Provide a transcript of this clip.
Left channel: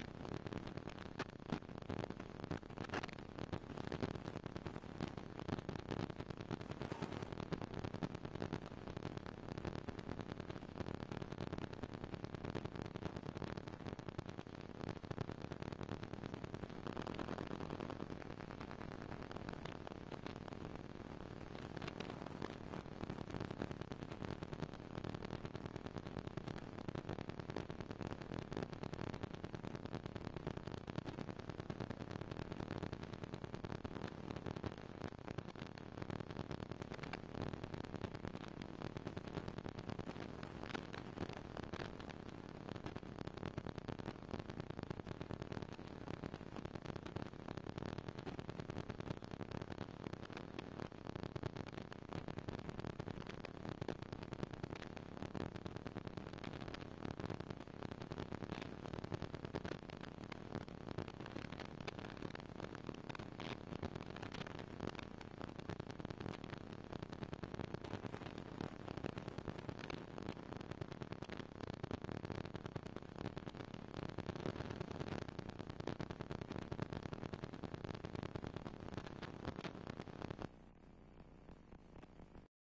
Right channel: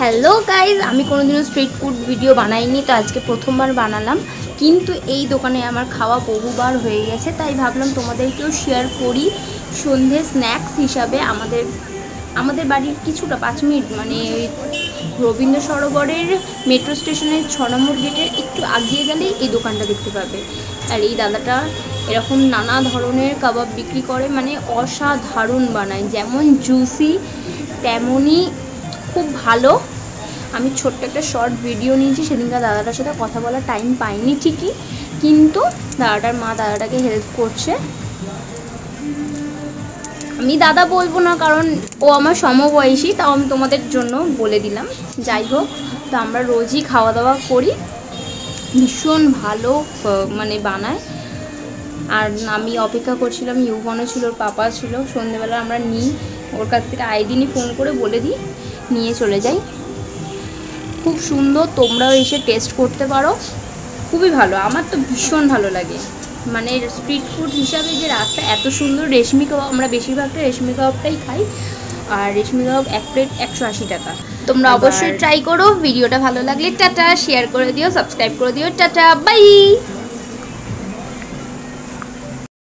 Hello guys, আমি কোনোদিনও street food video বানাইনি, তো আজকে প্রথমবার বানালাম। কিন্তু এই দোকানে আমার খাওয়া বহুবার হয়ে গেছে, তাই ভাবলাম তোমাদেরকেও শেয়ার করি। সন্ধে স্ন্যাক্স হিসাবে আমাদের বাড়ির কিছুটা 5 মিনিট মানে ওই রবীন্দ্র সরোবরের মেট্রো স্টেশনের 6 নম্বর গেটের একটু আগিয়ে গেলেই এই দোকানটা দেখতে পাবে। আর এই দাদাটা এরকম নানা ধরনের কাবাব বিক্রি করে, মানে অসাধারণ বানায়, যেমন জুসি তেমনই খুব ভালো। আমি ছোট্ট একটা শর্ট ভিডিও নিয়েছি, সেদিনকার দাদাটার সাথে কথা বলার টাইম পাইনি ঠিকই, কিন্তু দাদাটার মা দাদাটাকে হেল্প করছে। আমি দাদা বলবো না কারণ ও আমার সমবয়সী, তাও আমি তোমাদের জন্য বলে দিলাম। যাই হোক, তো আমরা রোজই খাওয়া দাওয়া করি, ভীষণ ভালো মানে বানায়। আর আমি অপেক্ষা করছিলাম, ইউভনও ছিল, ওর পাপা ছিল। সন্ধ্যেবেলা আমরা নিই ওর কাছ থেকে, আইদিনই ফোন করে বলে দিই, নিয়ে চলে যাই। খুব সুন্দর, তোমরাও এসে টেস্ট করতে পারো, খুবই ভালো। আমার তো ভীষণ ভালো লাগে, মানে স্ট্রিট ফুড হিসাবে যে রাস্তা এত সুন্দর। রেশমি কাবাব, আমরা বেশিরভাগটা রেশমি কাবাবটাই খাই, আর রেশমি কাবাব 1 প্লেট 180 টাকা। তোমরা অবশ্যই ট্রাই করো। ভিডিওটা ভালো লাগলে টাটা, শেয়ার করে দিও, সাবস্ক্রাইব করে দিও। Tata, by.